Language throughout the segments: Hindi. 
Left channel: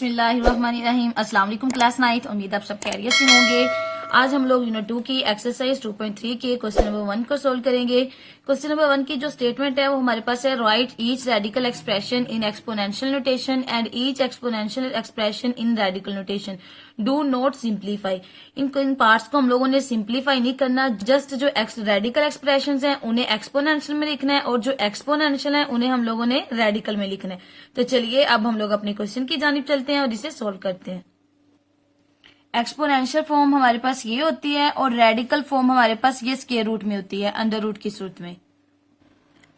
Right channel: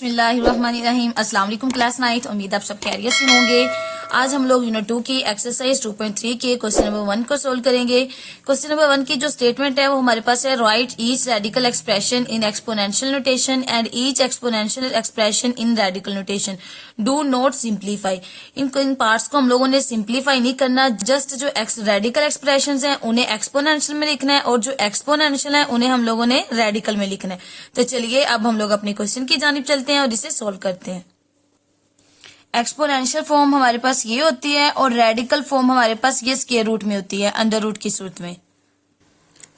बिस्मिल्लाहिर्रहमानिर्रहीम। अस्सलाम वालेकुम क्लास 9। उम्मीद आप सब खैरियत से होंगे। आज हम लोग यूनिट 2 की एक्सरसाइज 2.3 के क्वेश्चन नंबर 1 को सोल्व करेंगे। क्वेश्चन नंबर 1 की जो स्टेटमेंट है वो हमारे पास है, right each radical expression in exponential notation and each exponential expression in radical notation, do not simplify. In parts को हम लोगों ने सिंप्लीफाई नहीं करना, जस्ट जो रेडिकल एक्सप्रेशन है उन्हें एक्सपोनेंशियल में लिखना है और जो एक्सपोनेंशियल है उन्हें हम लोगों ने रेडिकल में लिखना है। तो चलिए अब हम लोग अपने क्वेश्चन की जानिब चलते हैं और इसे सोल्व करते हैं। एक्सपोनेंशियल फॉर्म हमारे पास ये होती है और रेडिकल फॉर्म हमारे पास ये स्क्वायर रूट में होती है, अंडर रूट की सूरत में।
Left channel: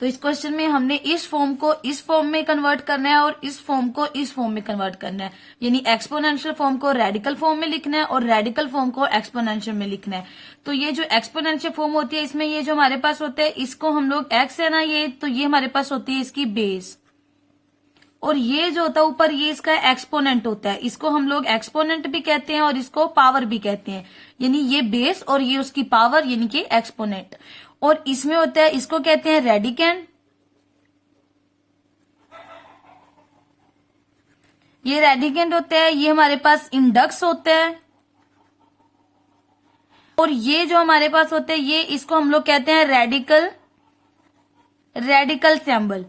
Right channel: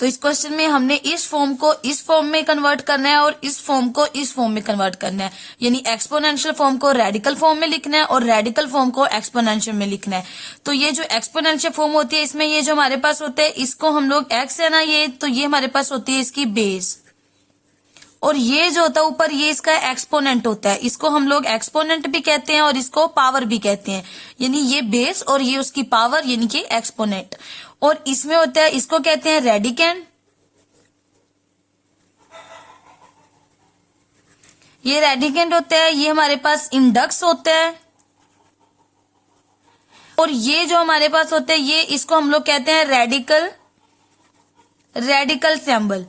तो इस क्वेश्चन में हमने इस फॉर्म को इस फॉर्म में कन्वर्ट करना है और इस फॉर्म को इस फॉर्म में कन्वर्ट करना है, यानी एक्सपोनेंशियल फॉर्म को रेडिकल फॉर्म में लिखना है और रेडिकल फॉर्म को एक्सपोनेंशियल में लिखना है। तो ये जो एक्सपोनेंशियल फॉर्म होती है इसमें ये जो हमारे पास होता है इसको हम लोग एक्स है ना, ये तो ये हमारे पास होती है इसकी बेस, और ये जो होता है ऊपर ये इसका एक्सपोनेंट होता है, इसको हम लोग एक्सपोनेंट भी कहते हैं और इसको पावर भी कहते हैं, यानी ये बेस और ये उसकी पावर यानी कि एक्सपोनेंट। और इसमें होता है इसको कहते हैं रेडिकेंड, ये रेडिकेंड होता है, ये हमारे पास इंडक्स होता है, और ये जो हमारे पास होता है ये इसको हम लोग कहते हैं रेडिकल सिंबल।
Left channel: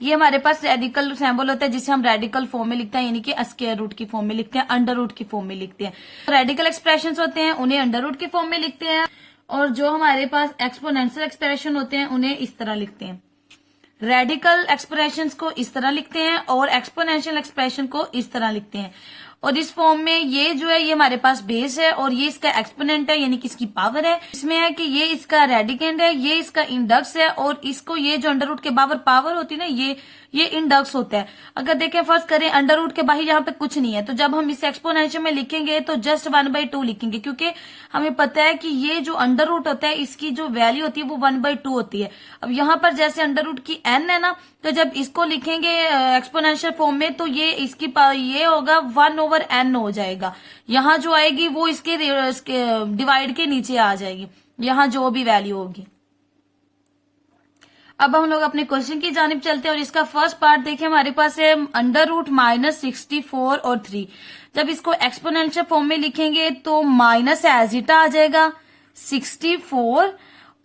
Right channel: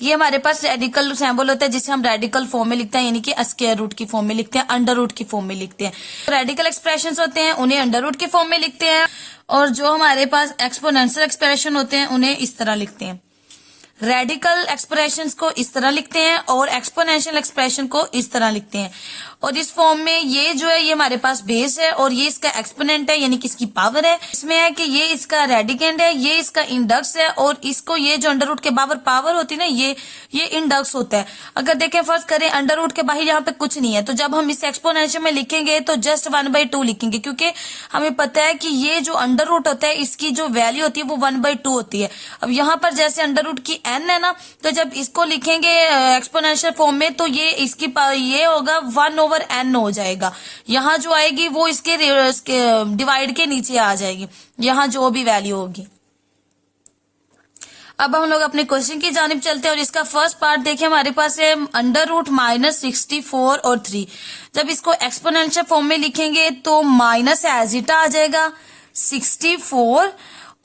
ये हमारे पास रेडिकल सिंबल होता है जिसे हम रेडिकल फॉर्म में लिखते हैं, यानी कि स्क्वायर रूट की फॉर्म में लिखते हैं, अंडर रूट की फॉर्म में लिखते हैं। रेडिकल एक्सप्रेशंस होते हैं उन्हें अंडर रूट के फॉर्म में लिखते हैं, और जो हमारे पास एक्सपोनेंशियल एक्सप्रेशन होते हैं उन्हें इस तरह लिखते हैं। रेडिकल एक्सप्रेशंस को इस तरह लिखते हैं और एक्सपोनेंशियल एक्सप्रेशन को इस तरह लिखते हैं। और इस फॉर्म में ये जो है ये हमारे पास बेस है और ये इसका एक्सपोनेंट है यानी कि इसकी पावर है। इसमें है कि ये इसका रेडिकेंड है, ये इसका इंडक्स है, और इसको ये जो अंडर रूट के बाहर पावर होती है ना ये इंडक्स होता है। अगर देखें फर्ज करें अंडर रूट के बाहर यहाँ पे कुछ नहीं है, तो जब हम इसे एक्सपोनेंशियल में लिखेंगे तो जस्ट 1/2 लिखेंगे, क्योंकि हमें पता है कि ये जो अंडर रूट होता है इसकी जो वैल्यू होती है वो 1/2 होती है। अब यहाँ पर जैसे अंडर रूट की n है ना, तो जब इसको लिखेंगे एक्सपोनेंशियल फॉर्म में तो ये इसकी ये होगा 1/n हो जाएगा। यहाँ जो आएगी वो इसके डिवाइड के नीचे आ जाएगी, यहाँ जो भी वैल्यू होगी। अब हम लोग अपने क्वेश्चन की जानिब चलते हैं और इसका फर्स्ट पार्ट देखिए हमारे पास है -64 और 3। जब इसको एक्सपोनेंशियल फॉर्म में लिखेंगे तो माइनस एज इट आ जाएगा 64,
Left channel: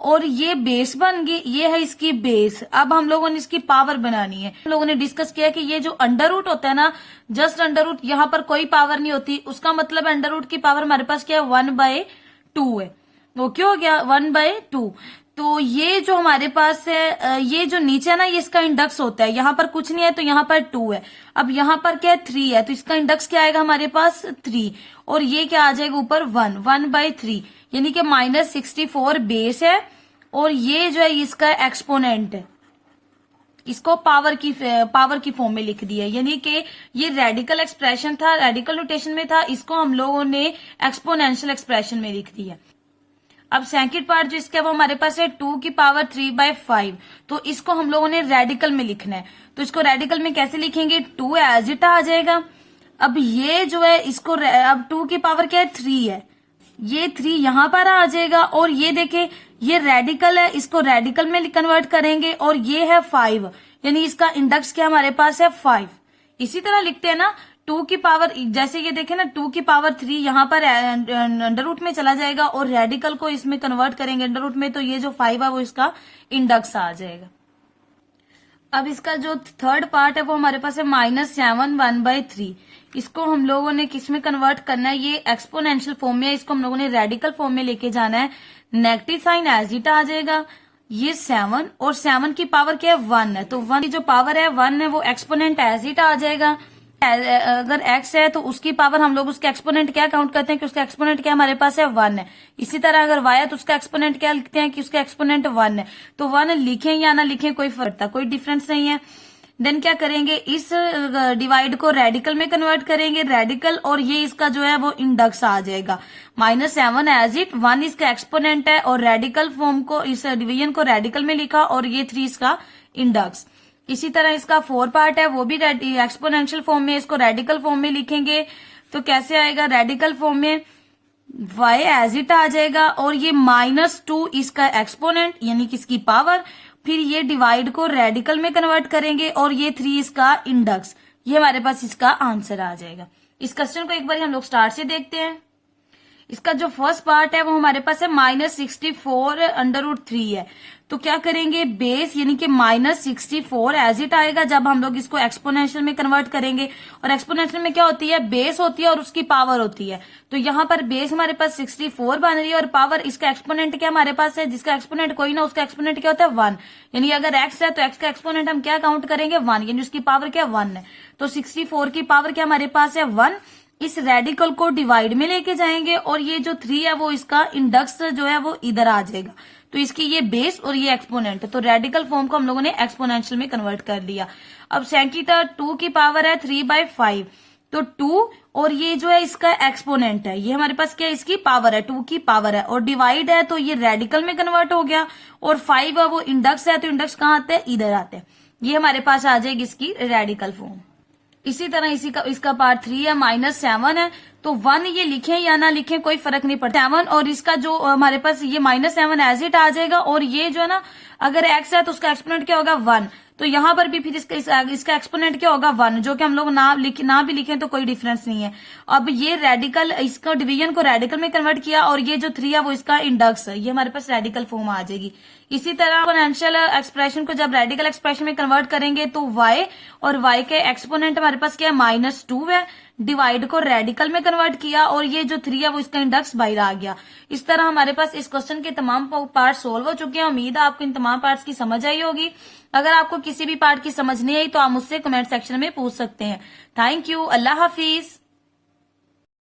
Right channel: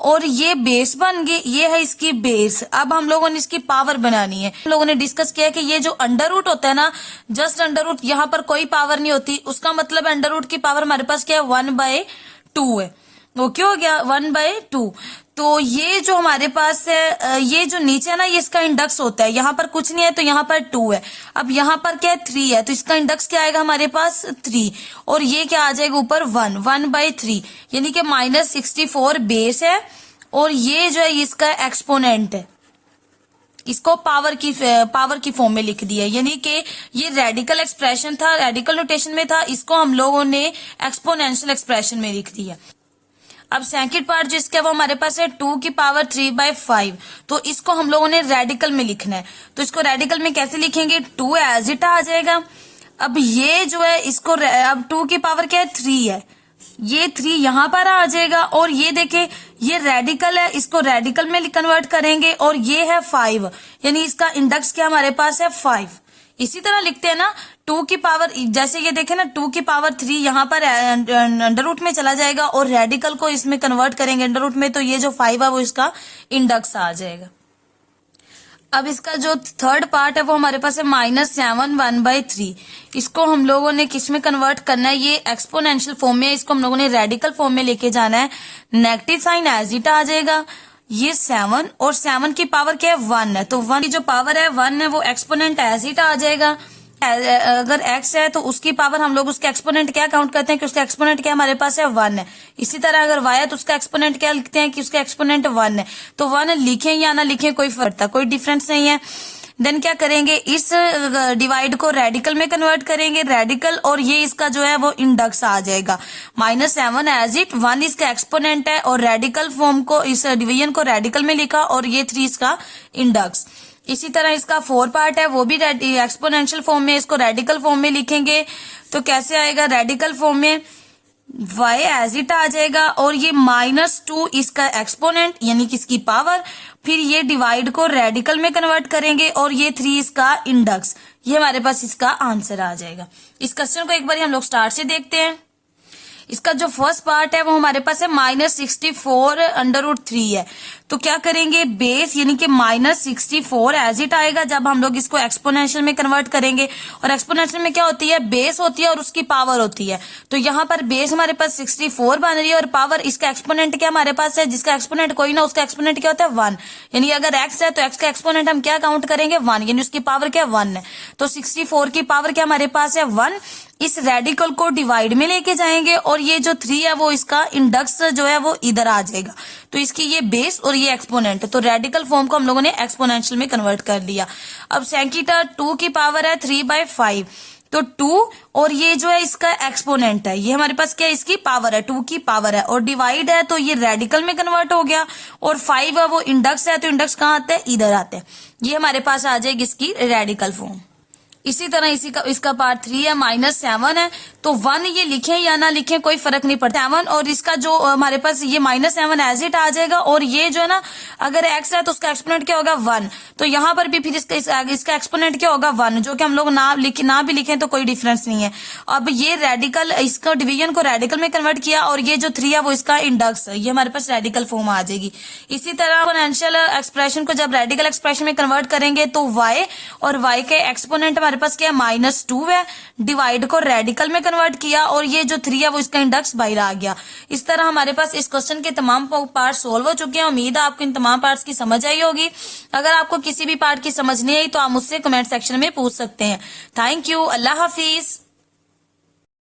और ये बेस बन गई, ये है इसकी बेस। अब हम लोगों ने इसकी पावर बनानी है। हम लोगों ने डिस्कस किया कि ये जो अंडर रूट होता है ना, जस्ट अंडर रूट, यहाँ पर कोई पावर नहीं होती, उसका मतलब अंडर रूट की पावर हमारे पास क्या है 1/2 है। वो क्यों हो गया 1/2। तो ये जो हमारे पास है ये जो नीचे है ना ये इसका इंडक्स होता है, यहाँ पर कुछ नहीं है तो यहाँ पर 2 है। अब यहाँ पर क्या है 3 है, तो इसका इंडक्स क्या आएगा हमारे पास 3, और ये क्या आ जाएगा ऊपर 1/3, यानी कि -64 बेस है और ये जो है इसका एक्सपोनेंट है, इसको पावर की फॉर्म में लिख दिया, यानी कि ये रेडिकल एक्सप्रेशन था, रेडिकल नोटेशन में था, इसको हम लोगों ने एक्सपोनेंशियल एक्सप्रेशन में लिख दिया। अब सेकंड पार्ट जिसका वो हमारे पास है 2⁵, तो इसको हम लोगों ने रेडिकल में लिखना है। तो इसको रेडिकल में कैसे लिखेंगे, 2 एज इट आ जाएगा। अब ये जो है इसको अब 2 की पावर क्या है 3 है, ये 3 यहाँ पर आ जाएगा, और ये देखे ये रेडिकल है, इसको रेडिकल में कन्वर्ट करेंगे, और ये है 5, यानी इसका इंडक्स क्या हमारे पास है 5। इसी तरह लिखते हैं ना 2 की पावर, जैसे ये देखें ना 2 की पावर 3 यहाँ पर अंडर रूट में चला जाएगा और रेडिकल को इसमें कन्वर्ट करेंगे अंडर रूट में, तो ये जो 5 है वो इसका इंडक्स आ जाएगा। अब इसका जो थर्ड पार्ट है वो हमारे पास है -7 1/3। इसको हम लोगों ने किस में कन्वर्ट करना है, ये एक्सपोनेंशियल फॉर्म में, इसको हम लोगों ने रेडिकल फॉर्म में लेके जाना है। नेगेटिव साइन एज इट आ जाएगा, ये 7 और 7 की पावर क्या है 1 है, तो 1 की जो पावर है 1 है वो एक्सपोनेंट एज इट आ जाएगा। अगर x है तो उसकी पावर हम लोग उसके एक्सपोनेंट क्या काउंट करते हैं कि उसका एक्सपोनेंट क्या हमारे पास है 1 है। इसी तरह अगर y है तो उसका एक्सपोनेंट क्या लिखते हैं कि उसका एक्सपोनेंट 1 है। तो 1 लिखें या ना लिखें कोई फर्क था, कोई डिफरेंस नहीं है। देन क्या करेंगे, इस डिवाइड को रेडिकल में कन्वर्ट करेंगे, रेडिकल, और ये इसका जो है वो इंडक्स आ जाएगा। -7 एज इट, 1 इसका एक्सपोनेंट है और रेडिकल फॉर्म को, इस डिवीजन को रेडिकल में लिखा, और ये 3 इसका इंडक्स। इसी तरह इसका 4 पार्ट है वो भी एक्सपोनेंशियल फॉर्म में, इसको रेडिकल फॉर्म में लिखेंगे तो कैसे आएगा, रेडिकल फॉर्म में y एज इट आ जाएगा, और ये -2 इसका एक्सपोनेंट यानी कि इसकी पावर, फिर ये डिवाइड को रेडिकल में कन्वर्ट करेंगे और ये 3 इसका इंडेक्स, ये हमारे पास इसका आंसर आ जाएगा। इस क्वेश्चन को एक बार हम लोग स्टार्ट से देखते हैं। इसका जो फर्स्ट पार्ट है वो हमारे पास है -64√3 है। तो क्या करेंगे, बेस यानी कि -64 एज इट आएगा जब हम लोग इसको एक्सपोनेंशियल में कन्वर्ट करेंगे। और एक्सपोनेंशियल में क्या होती है, बेस होती है और उसकी पावर होती है। तो यहाँ पर बेस हमारे पास 64 बन रही है और पावर, इसका एक्सपोनेंट क्या हमारे पास है, जिसका एक्सपोनेंट कोई ना उसका एक्सपोनेंट क्या होता है 1। यानी अगर x है तो x का एक्सपोनेंट हम क्या काउंट करेंगे 1, यानी उसकी पावर क्या 1 है। तो 64 की पावर क्या हमारे पास है 1। इस रेडिकल को डिवाइड में लेके जाएंगे और ये जो 3 है वो इसका इंडेक्स जो है वो इधर आ जाएगा। तो इसकी ये बेस और ये एक्सपोनेंट, तो रेडिकल फॉर्म को हम लोगों ने एक्सपोनेंशियल में कन्वर्ट कर लिया। अब सेंकीटा 2 की पावर है 3/5, तो 2 और ये जो है इसका एक्सपोनेंट है, ये हमारे पास क्या है, इसकी पावर है, 2 की पावर है और डिवाइड है तो ये रेडिकल में कन्वर्ट हो गया। और 5 है वो इंडेक्स है, तो इंडेक्स कहाँ आते हैं, इधर आते हैं। ये हमारे पास आ जाएगी इसकी रेडिकल फॉर्म। इसी तरह इसका पार्ट 3 है, -7 है। तो 1 ये लिखें या ना लिखें कोई फर्क नहीं पड़ता, 7 और इसका जो हमारे पास ये -7 एज इट आ जाएगा। और ये जो है ना, अगर x है तो उसका एक्सपोनेंट क्या होगा 1। तो यहाँ पर भी फिर इसका एक्सपोनेंट क्या होगा 1, जो कि हम लोग ना भी लिखें तो कोई डिफरेंस नहीं है। अब ये रेडिकल, इसका डिवीजन को रेडिकल में कन्वर्ट किया और ये जो 3 है वो इसका इंडेक्स है, ये हमारे पास रेडिकल फॉर्म आ जाएगी। इसी तरह एक्सपोनेंशियल एक्सप्रेशन को जब रेडिकल एक्सप्रेशन में कन्वर्ट करेंगे तो y और y के एक्सपोनेंट हमारे पास क्या है -2 है। डिवाइड को रेडिकल में कन्वर्ट किया और ये जो 3 है वो इसका इंडेक्स बाहर आ गया। इस तरह हमारे पास इस क्वेश्चन के तमाम पार्ट सोल्व हो चुके हैं। उम्मीद है आपको इन तमाम पार्ट्स की समझ आई होगी। अगर आपको किसी भी पार्ट की समझ नहीं आई तो आप मुझसे कमेंट सेक्शन में पूछ सकते हैं। Thank you, Allah Hafiz.